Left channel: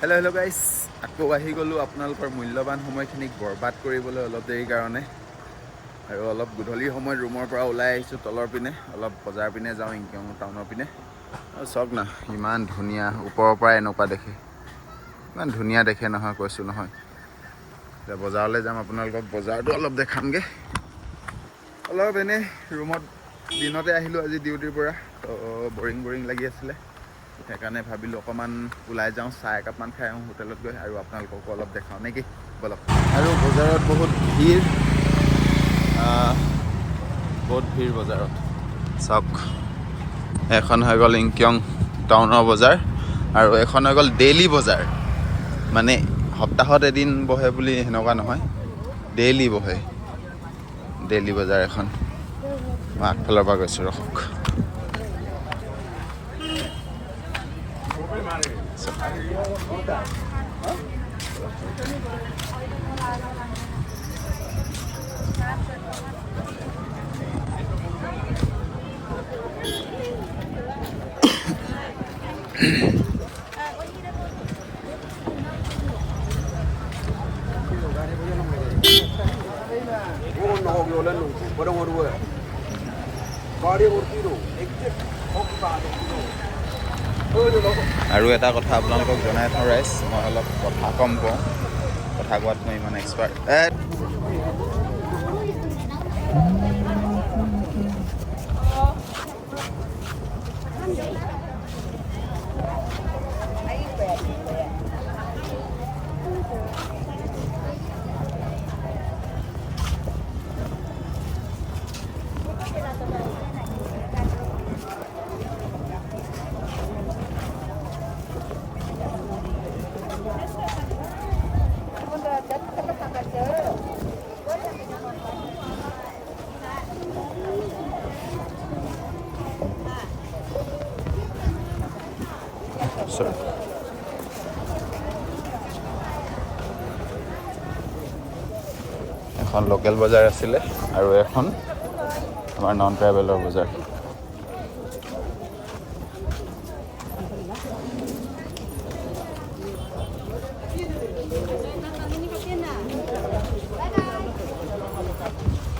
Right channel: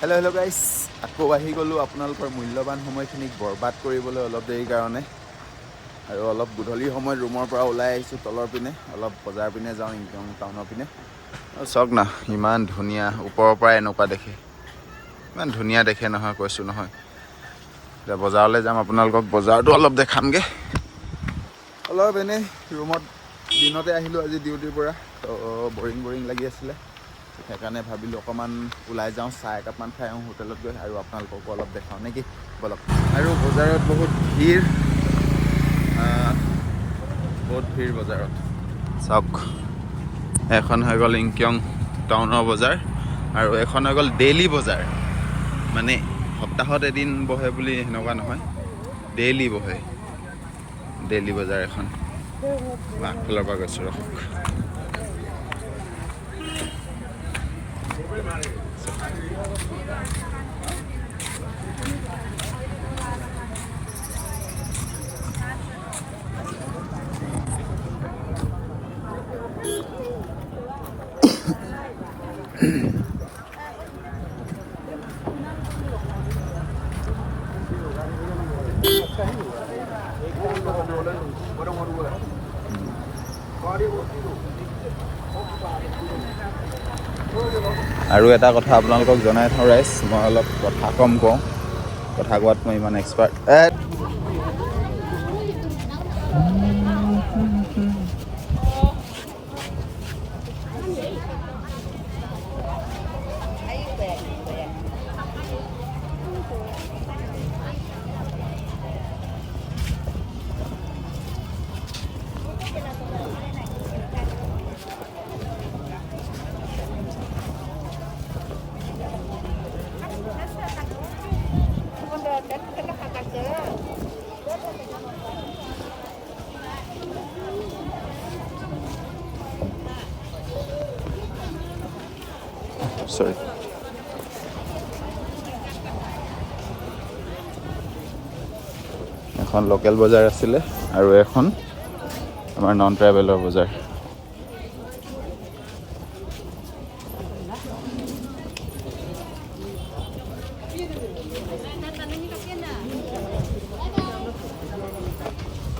Hello' গাইছ, আকৌ আহি গ'লোঁ আপোনালোকৰ মূল্যৱান সময়খিনিক বৰবাদ কৰিবলৈ অলপ দেৰিৰ কাৰণে। আৰু অলপ গধূলি সময়ত ৰুমৰ পৰা ওলাই আহিছোঁ তলৰ পিনে, অলপ বজাৰ পিনে যাওঁ ইংকিয়ং টাউনৰ পিনে। চাওক না, ইমান ধুনীয়া, ওপৰৰ পৰা এনেকুৱা দেখে, ইমান ধুনীয়া দেখে নহয়, কৈছোঁ নহয়। এতিয়া বজাৰলৈ যাম, আপোনালোকক বজাৰটো অলপ দেখামগৈ। অলপ এনেই ৰুমত দিনতে আহিলোঁ আজি ডিউটিৰ পৰা, তো বৰিং লাগি আছিলে। সেইকাৰণে ভাবিলোঁ অকণমান ওলাই যাওঁ, চাহ একাপমান খাই আহোঁ হোটেলত গৈ, আৰু আপোনালোককো অলপ দেখাওঁ নেকি, বলক। আৰু বজাৰত বহুত ভিৰ বজাৰত। চাওক, এখন হৈ গ'ল ইংকিয়ং টাউনৰ বজাৰ, আৰু এখন হৈ গ'ল ডেইলি বজাৰ। মানে সপ্তাহত এদিন বহে বুলি সেনেকুৱা নহয়, ডেইলি বহে। ডেইলি বজাৰ এখন মই আগফালৰ পৰা গৈছোঁ, ৰখক। আৰু এটা কথা আপোনালোকক জনাই থওঁ ৰাইজ, মই অলপ কথা কম কওঁ, কথা কোৱাত মই ইমান এক্সপাৰ্ট। এখন লোকেল বজাৰ আছিলে, আৰু এখন আমাৰ নন ট্ৰাইবেলৰ বজাৰ।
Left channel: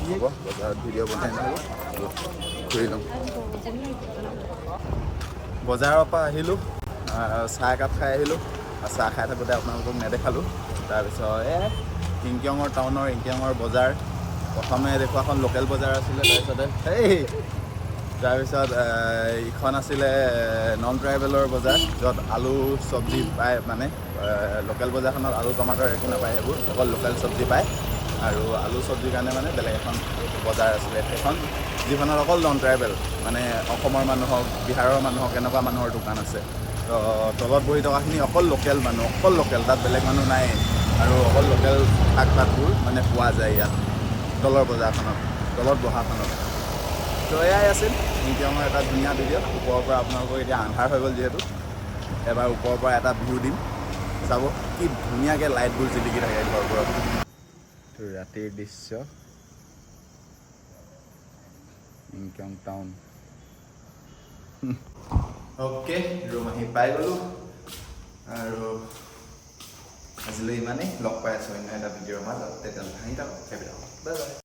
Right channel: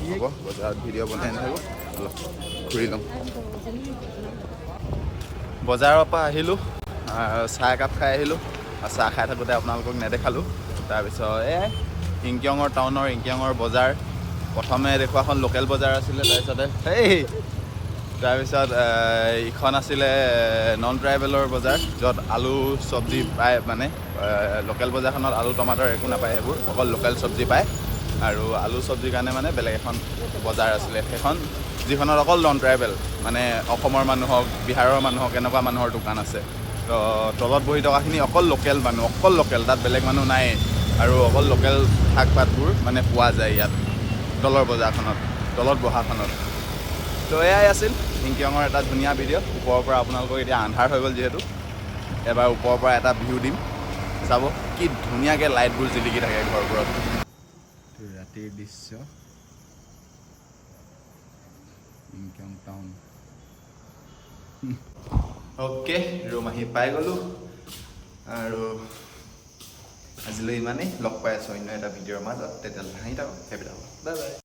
হ'ব, বজাৰত ভিডিঅ' বনাই নাথাকোঁ, অলপ ঘূৰি লওঁ। বজাৰৰ পৰা আহিলোঁ, চাহ একাপ খাই আহিলোঁ, আৰু চাহ খাই থাকোঁতে আপোনালোকক নেদেখালোঁ। তাৰপিছত ইংকিয়ঙৰ টাউনৰ ইংকিয়ঙৰ বজাৰ, প্ৰথমে দেখুৱাখন লোকেল বজাৰ আছিলে, তাৰপিছত ইখন আছিলে নন ট্ৰাইবেলৰ বজাৰ, য'ত আলু চব্জি পায়। মানে লোকেল বজাৰখনত আলু টমাটৰ একো নাপায়, সেইবোৰ অকল লোকেল চব্জি পায়। আৰু আলু চব্জিৰ কাৰণে মানে বেলেগ এখন বজাৰ আছিলে, সেইখন যিখনত অকল নন ট্ৰাইবেল, মানে অসমৰ মানুহ হওক, বিহাৰৰ মানুহ হওক, এনেকুৱা মানুহৰ দোকান আছে। তো তলত বহি থকাখিনি অকল লোকেল মানুহ, অকল লোকেল, তাত বেলেগ মানুহ নাই। আৰু অকল লোকেল শাক পাতবোৰ মানে পোৱা যায় ইয়াত তলৰ বজাৰখনত, তলত বহাখনত। তো এয়াই আছিল ইংকিয়ঙৰ এটা ধুনীয়া ভিডিঅ'। ওপৰৰ পৰা আপোনালোকক, এতিয়া আন্ধাৰ হৈ গ'ল যিহেতু, এবাৰ ওপৰৰ পৰা এটা ভিউ দিম, চাব কি ধুনীয়াকৈ লাইটবোৰ জিলিকি থাকে ঘৰবোৰত। ৰাতিৰ দৃশ্য, ইংকিয়ং টাউন। অ'কে, ৰুম আহি পাই গ'লোঁ, আৰু আজিলৈ ইমানেই। লগ পাই আছোঁ অন্য এটা ভিডিঅ'ৰ মাজত, তেতিয়ালৈ হাঁহি থাকক, হেপী থাকক, বাই বাই।